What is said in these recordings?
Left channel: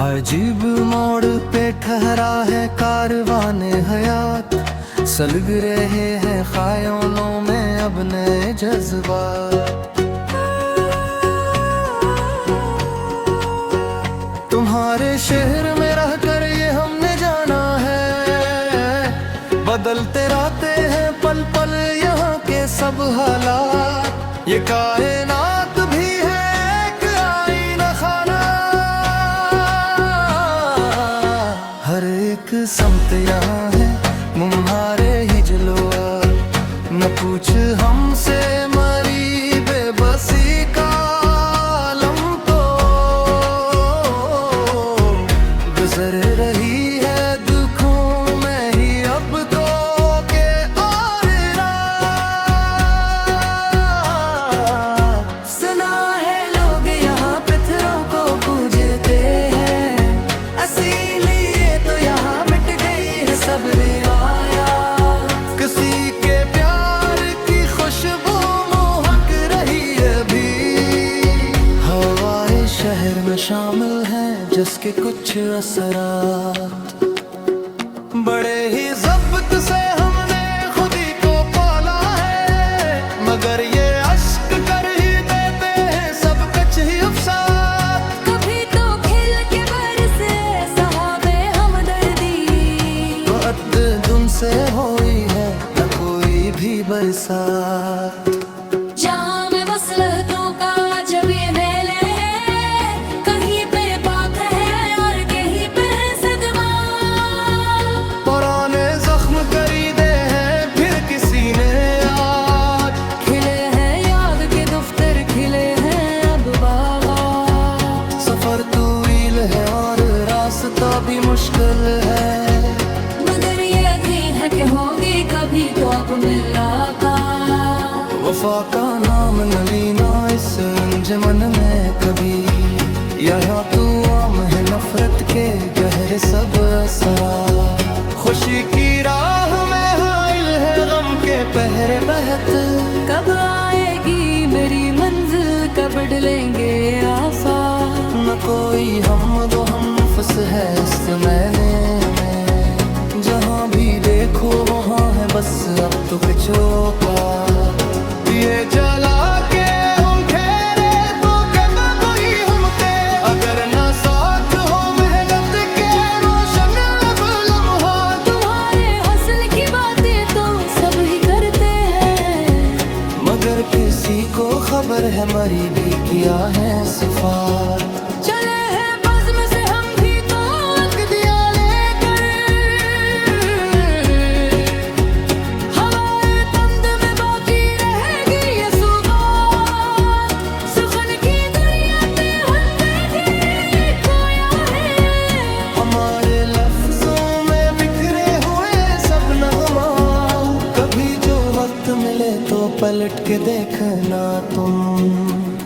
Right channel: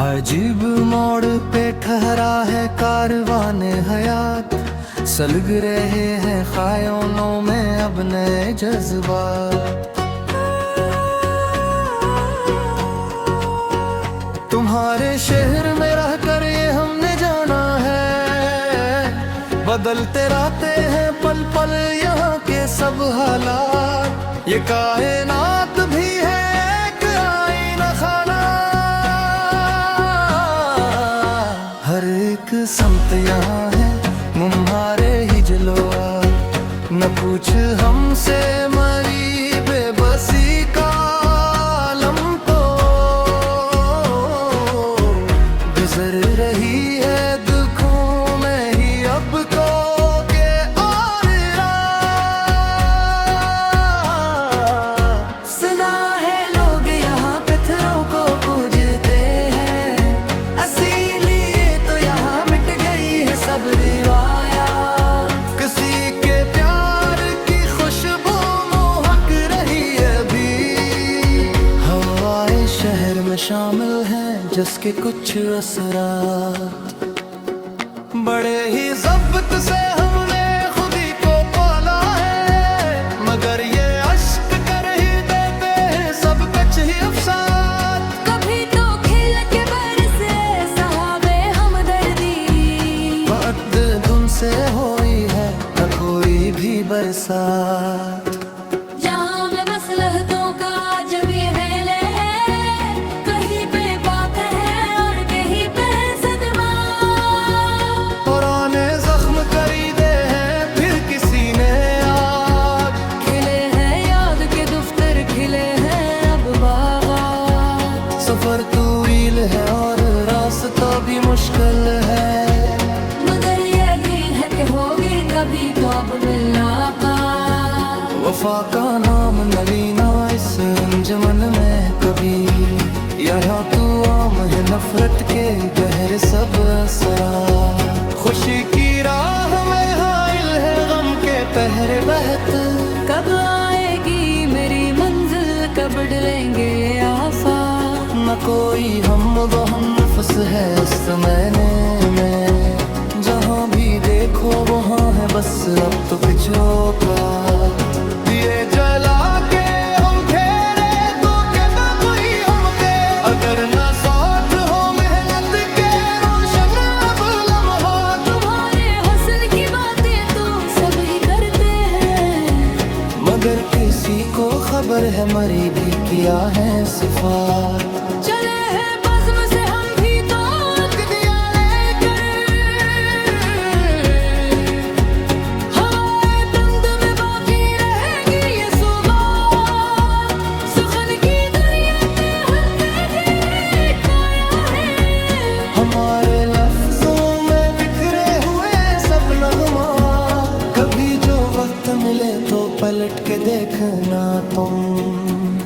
अजीब मोड़ पे ठहरा है कारवाने हयात, सलग रहे हैं ख़यालों में अब नए जज्बात। तुम्हारे शहर में रहकर ये हमने जाना है, बदलते रहते हैं पल पल यहाँ के सब हालात। ये कायनात भी है एक आईना खाना, हर एक समत यहाँ है मुम्हारे ही जलवा। न पूछ हमसे मरी बेबसी का आलम तो गुजर रही है दुखों में ही अब तो के और रात। सुना है लोग यहाँ पत्थरों को पूजते हैं, इसीलिए तो यहाँ मिट गई है सब रिवाया। किसी के प्यार की खुशबू मोहक रही है भी, हवाएं शहर में शामिल हैं जिसके कुछ असरात। बड़े ही ज़ब्त से हमने खुद ही को पाला है, मगर ये अश्क कर ही देते हैं सब कच ही अफसाद। कभी तो खिल के बरसे सहाबे हमदर्दी, दुन से हुई है न कोई भी बरसात। जहाँ में मसलहतों का जब ये मेले हैं, कहीं पे बात है और कहीं पे है सदमा। पुराने जख्म करीदे हैं फिर किसी ने आज, खिले हैं याद के दफ्तर, खिले हैं अब बागात। सफर तवील है और रास्ता भी मुश्किल है, मगर ये भी है कि होगी कभी तो अब मुलाकात। वफा का नाम न लेना इस अंजमन में कभी, यहाँ तू आम है नफरत के गहरे सब असरा। खुशी की राह में हाइल है गम के पहरे बहत, कब आएगी मेरी मंजिल, कब डलेंगे आफाक। न कोई हम दो हम नफ्स है इस मैंने में, जहाँ भी देखो वहाँ है बस अब तो किचो का। दिए जला के हम खेरे तो क्या कोई हम थे, अगर न साथ हो मेहनत के रोशन अब लम्हा। तुम्हारे हसन की बातें तो सब ही करते हैं, मगर किसी को खबर है मरी भी किया है सिफात। चले हैं बज़्म से हम भी तो अक़दिया लेकर, हवाए तंद में बाकी रहेगी ये सुगात। सुखन की दरिया पे हमदर्दी खोया है, हमारे लफ्जों में बिखरे हुए सब नगमा। कभी जो वक्त मिले तो पलट के देखना तुम,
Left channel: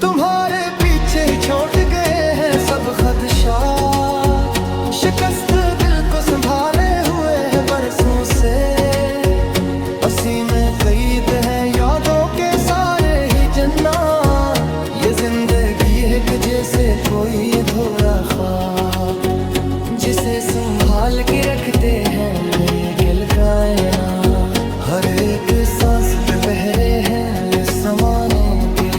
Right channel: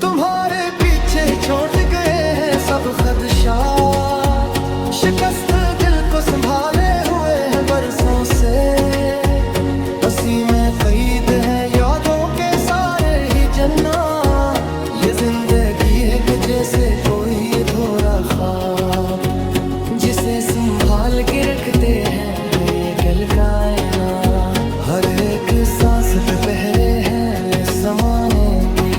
तुम्हारे पीछे छोड़ गए हैं सब खदशात। शिकस्त दिल को संभाले हुए हैं बरसों से, हंसी में कैद है यादों के सारे ही जन्ना। ये जिंदगी है कि जैसे कोई अधूरा ख्वाब, जिसे संभाल के रखते हैं ये कल कायना। हर एक सांस पे पहरे हैं इस जमाने के,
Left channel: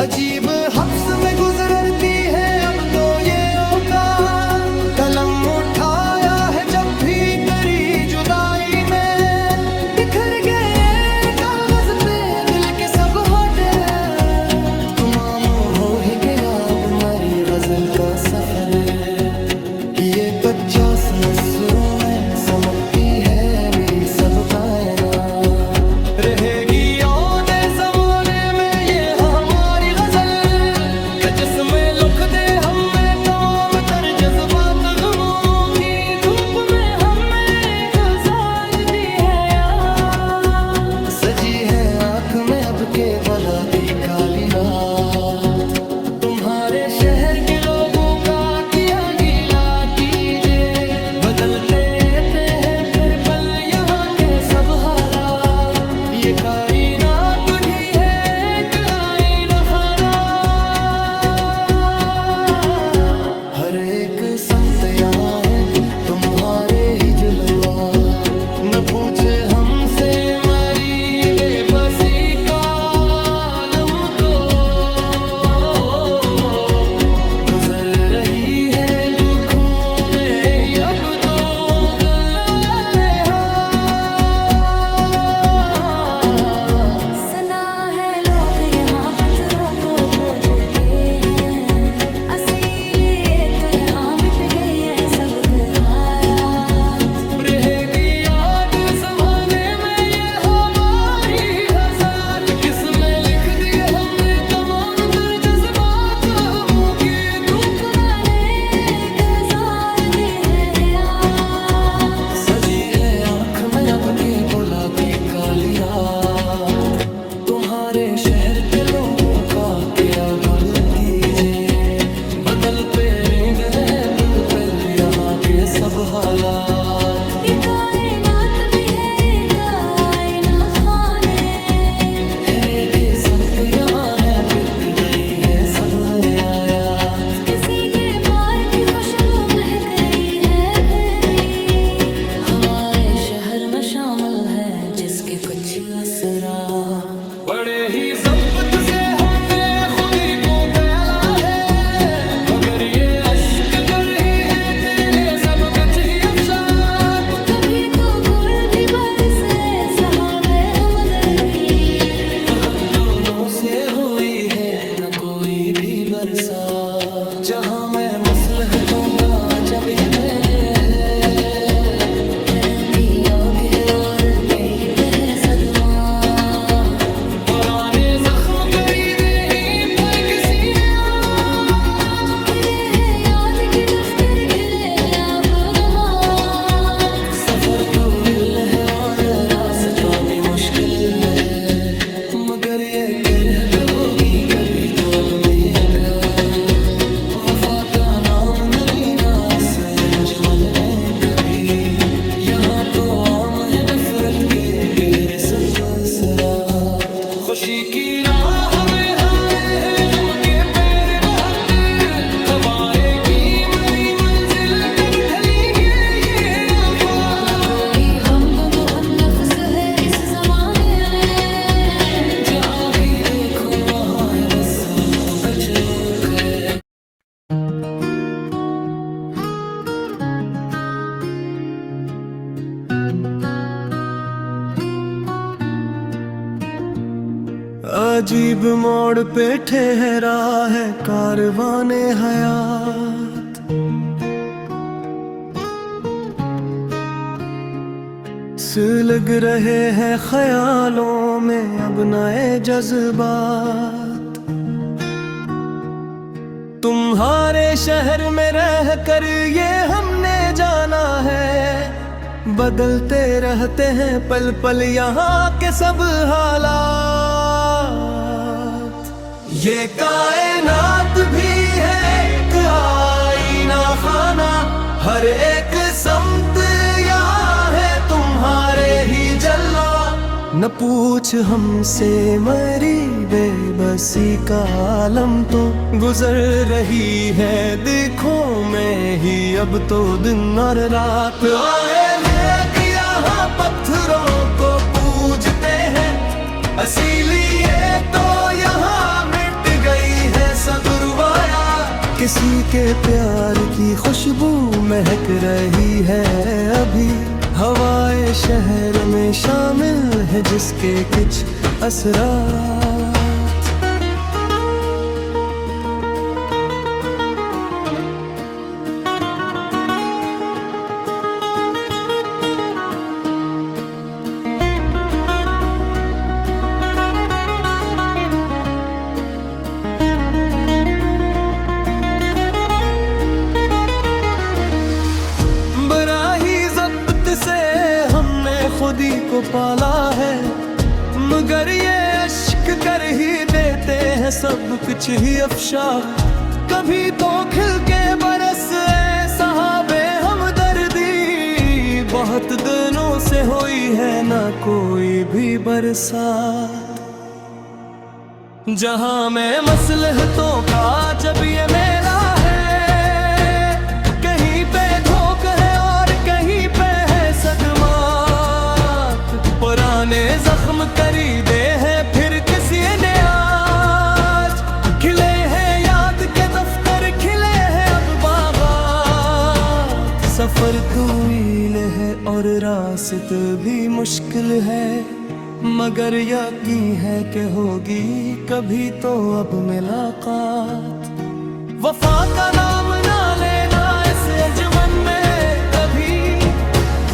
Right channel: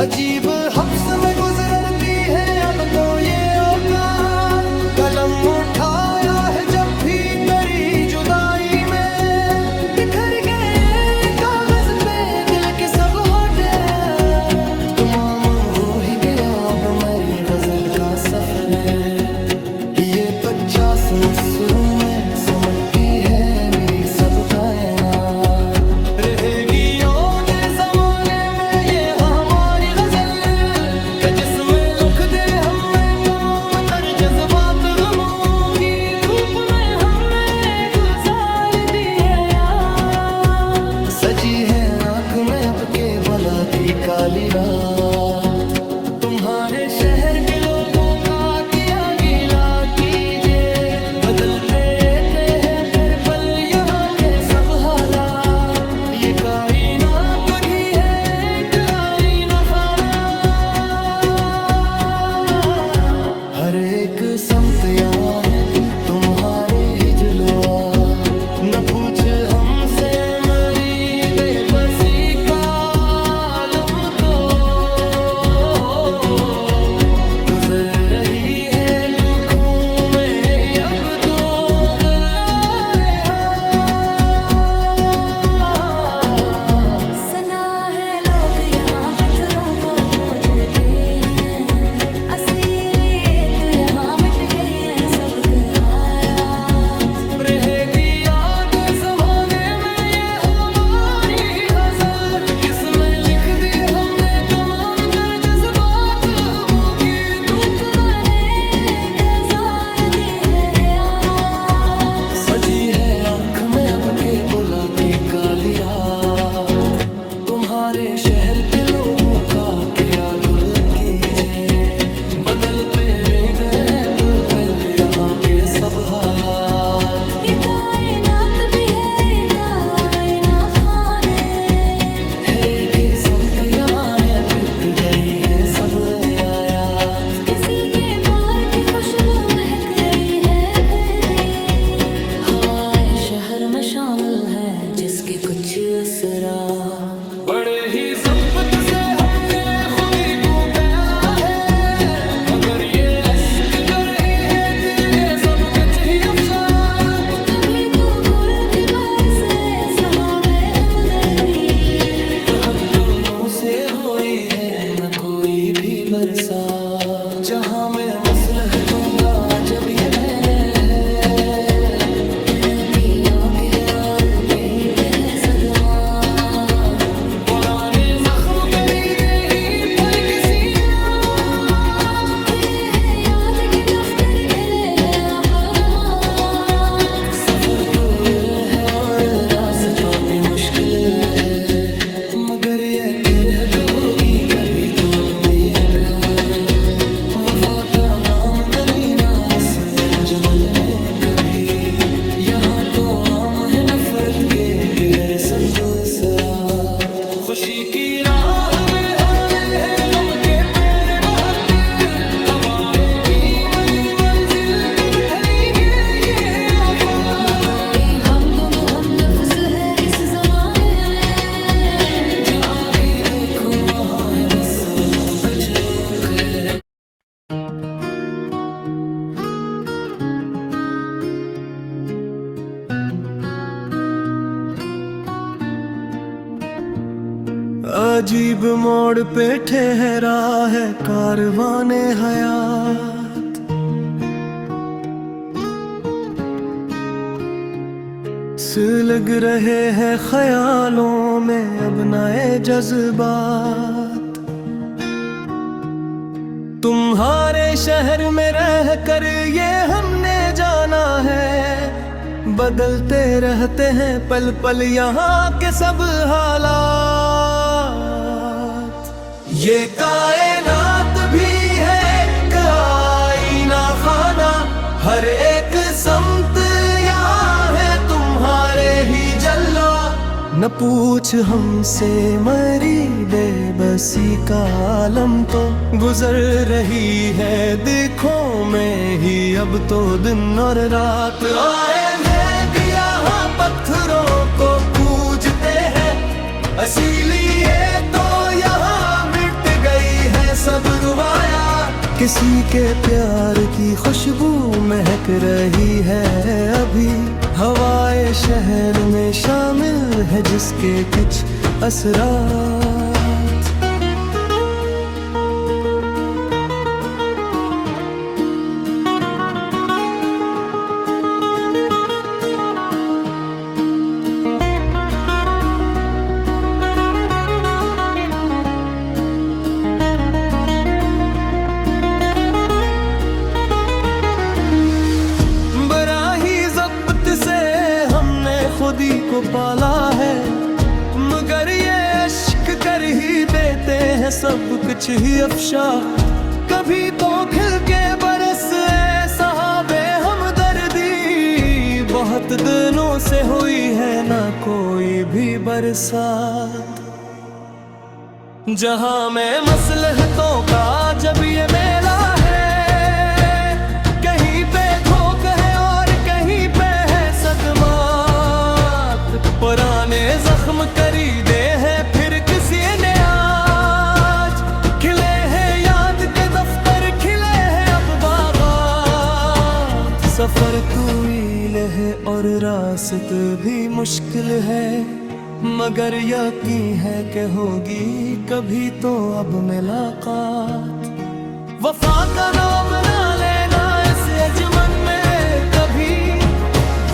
अजीब हब्स में गुजरती है अब तो ये औकात। कलम उठाया है जब भी तेरी जुदाई में, बिखर गए कागज पे दिल के सब होठे। तमाम हो ही गया अब मेरी गजल का सफर, ये 50 मुस्रों में समटती है मेरी सब कायनात। रहेगी याद जमाने में ये हमारी गजल, कि जिसमें लिख दे हमें तमाम तर जज्बात। गमों की धूप में हमने गुजार दी है यार, सजी है आँख में अब के बला की काली रात। तुम्हारे शहर के लोगों का किया गीला कीजिए, बदलते रहते हैं फिर पल यहाँ के सब हालात। ये कायनात भी है एक आईना खाना। एक समत यहाँ है तुम्हारे ही जलवा। न पूछ हमसे मरी बेबसी का आलम तो, गुजर रही है दुखों में ही अब तो दलाए। सना है लोग यहाँ पत्थरों को पूजते हैं, असीलिए तो यहाँ मिट गई है सब कहाया। रहेगी याद जमाने में ये हमारी गजल, किसमें लिख दी हमने तमाम तर जज्बात मुँह की। धूप माने गुजार दी है हया, सजी है आँख में अब के बुला की काली रात। तुम्हारे शहर के लोगों का क्या गुल कीजिए, बदल पे गए हैं पल यहाँ के सब हालात। ये कायनात भी है कायना फाने, हेरे के समत यहाँ है बीत गई है सब आयात। किसी के पार की खुशबू महक रही है फिर भी, हवाएं शहर में शामिल है जिसके कुछ असरात। बड़े ही ज़ब्त से हमने खुदी को पहला है, मगर ये अश्क कर ही है तेरे सब कुछ ही अफसाद। कभी तो कोई भी बरसे सहाबे हमदर्दी, दोनों से हुई है न कोई भी बरसात। जहाँ में मसलहतों का जब ये मेले है, है और कहीं पे है सदमा। पुराने जख्म खरीदे ही पर किसी ने आज, खिले हैं याद के दफ्तर, खिले हैं अब बगात। सफर तूल है और रास्ता भी मुश्किल है, मगर ये किरहत होगी कभी तो अब मैं कर। वफा का नाम न लेना इस अंजुमन में कभी, यहाँ तो आम है नफरत के गहरे सब सरात। खुशी की राह में हारे हैं गम के पैर बहत, कब आएगी मरी मंजिल कब ढलेंगे ये आफाक। न कोई हम नफ्स है इस जमाने में, जहाँ भी देखो वहाँ है बस वक्त कुछ करे। अजीब मोड़ पे ठहरा है कारवाने हयात, सुलग रहे हैं ख्यालों में अब नए जज्बात। तुम्हारे शहर में रह कर ये हमने जाना है, बदलते रहते हैं पल पल यहाँ के सब हालात। ये कायनात भी है एक आईना खाना, हर एक समत यहाँ है तुम्हारे ही जलवा। न पूछ हमसे मरी बेबसी का आलम तो, गुजर रही है देखो में ही अब तो दिन और रात। आए यहाँ पत्थरों को पूजते हैं, इसीलिए तो यहाँ मिट गई है सब रुबाया। किसी के प्यार की खुशबू महक रही है अभी, हवाएं शहर में शामिल है जिसके कुछ असरात। खुदी को पाला है, मगर ये अश्क कर ही देते हैं सब कुछ ही अफशा। कभी तो खिल के बरसे सहाबे हमदर्दी, बहुत दिनों से हुई है ना कोई भी बरसात। जहां में मसलहतों का जब ये मेला है, खरीदे हैं फिर किसी ने आज, खिले हैं याद के दफ्तर, खिले हैं अब बागात। सफर तवील है और रास्त भी मुश्किल है, मगर यकीन है कि होगी कभी तो अब मुलाकात। वफा का नाम ना लेना इस अंजुमन में कभी,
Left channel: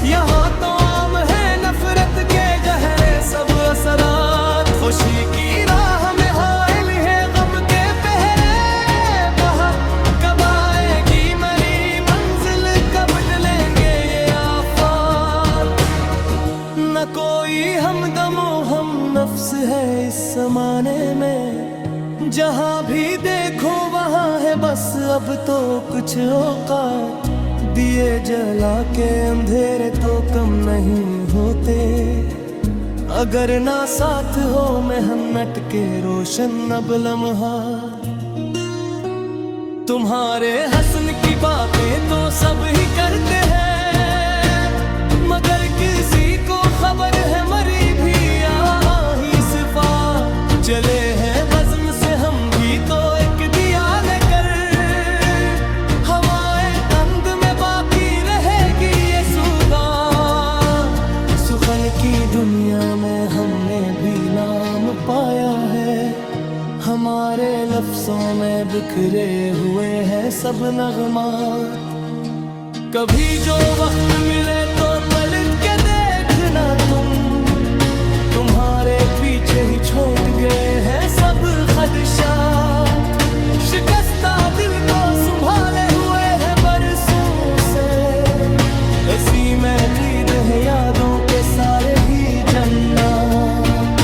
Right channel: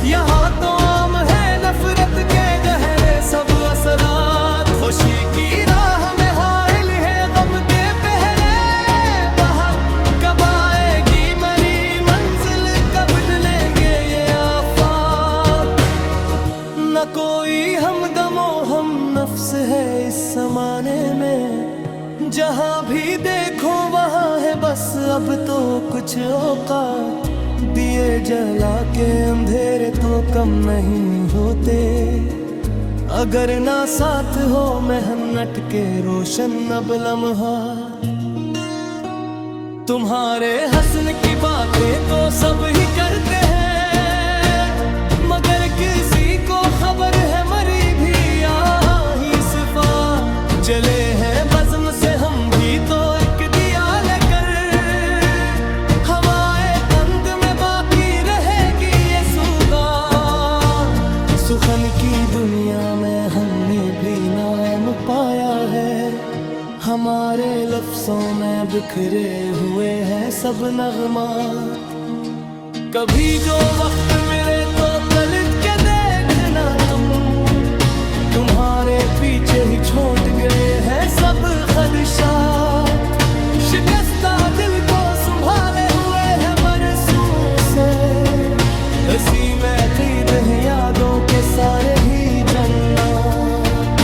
यहाँ तो आम है नफरत के गहरे सब असरात। खुशी की राह में हाइल है गम के पहरे बहुत, कब आएगी मरी मंजिल, कब डलेंगे ये आफात। न कोई हमदमो हम नफ्स है इस जमाने में, जहाँ भी देखो वहाँ है बस अब तो कुछ औकात। दिए जला के अंधेरे तो कम नहीं होते, अगर ना साथ हो मेहनत के रोशन अब लम्हात। तुम्हारे हसन की बातें तो सब ही करते हैं, मगर किसी को खबर है मरी भी यही सिफात। चले हैं बज़्म से हम भी तो एक दिया लेकर, हवाएं तंद में बाकी रहेगी ये सुगात। सुखन की दुनिया में हमने भी नाम पाया है, हमारे लफ्जों में बिखरे हुए हैं सब नगमात। कभी जो वक्त मिले तो पलट के देखना तुम्हारे पीछे ही छोड़ गए हैं सब खदशात। शिकस्ता दिल को संभाले हुए हैं बरसों से, इसी में क़ैद हैं यादों के सारे ही जन्नत।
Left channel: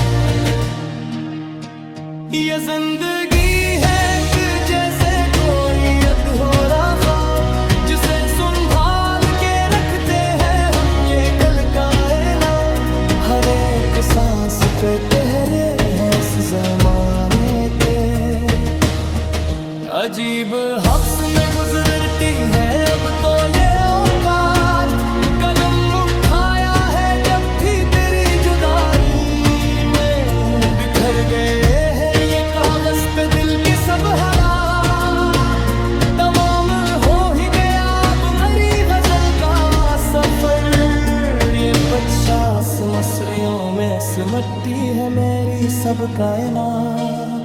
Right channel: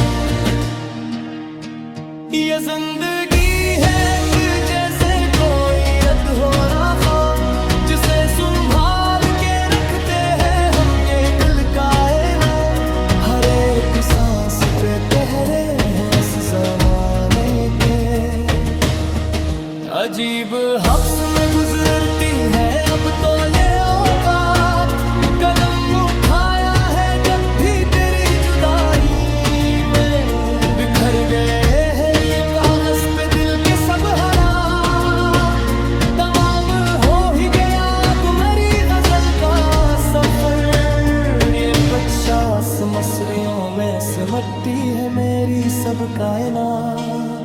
ये जिंदगी है कि जैसे कोई अधूरा ख्वाब, जिसे संभाल के रखते हैं हम ये कल कायना। हर एक सांस पे पहरे हैं इस जमाने के, अजीब हफ्स में गुजरती है अब तो ये औकात। कलम उठाया है जब भी तेरी जुदाई में, बिखर गए हैं ये कागज पे दिल के सब हालात। तमाम हो ही गया अब मेरी गजल का सफर, ये 50 मसरियों में सिमटती है मेरी सब कायनात।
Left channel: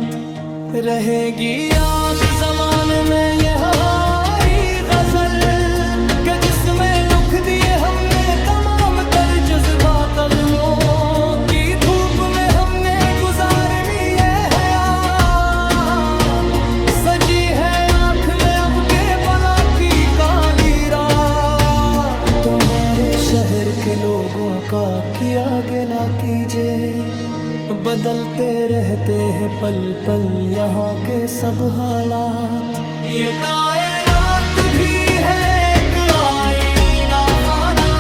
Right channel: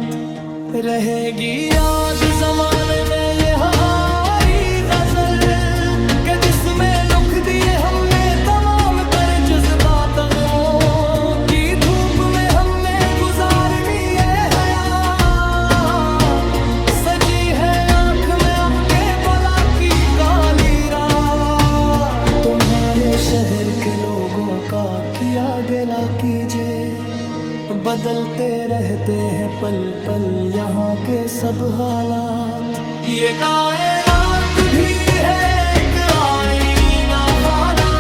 रहेगी याद जमाने में ये हमारी गजल, कि जिसमें लिख दिए हमने तमाम तर जज्बात। गमों की धूप में हमने गुजारनी है हयात, सजी है आँख में अब के बला की काली रात। तुम्हारे शहर के लोगों का किया गिला कीजिए, बदलते रहते हैं पल पल यहाँ के सब हालात। ये कायनात भी है एक आईना खाना,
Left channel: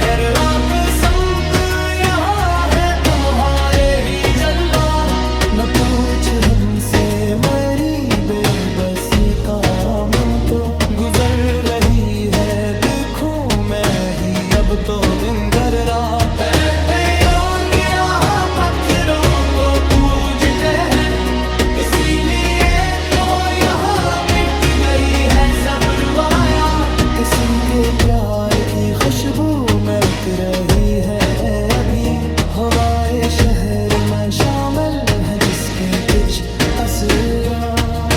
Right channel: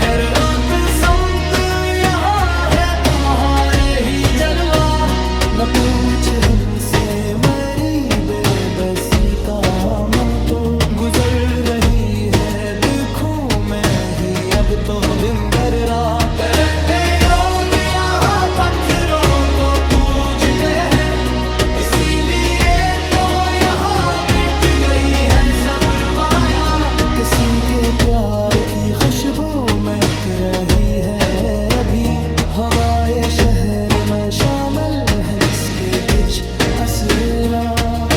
हर रात समत यहाँ है तुम्हारे ही जलवा। न पूछ हमसे मरी बेबसी का गम, तो गुजर रही है दुखों में ही अब तो दिन भर रात। किसी के प्यार की खुशबू महक रही है अभी, हवाए शहर में शामिल है जिसके कुछ असरात।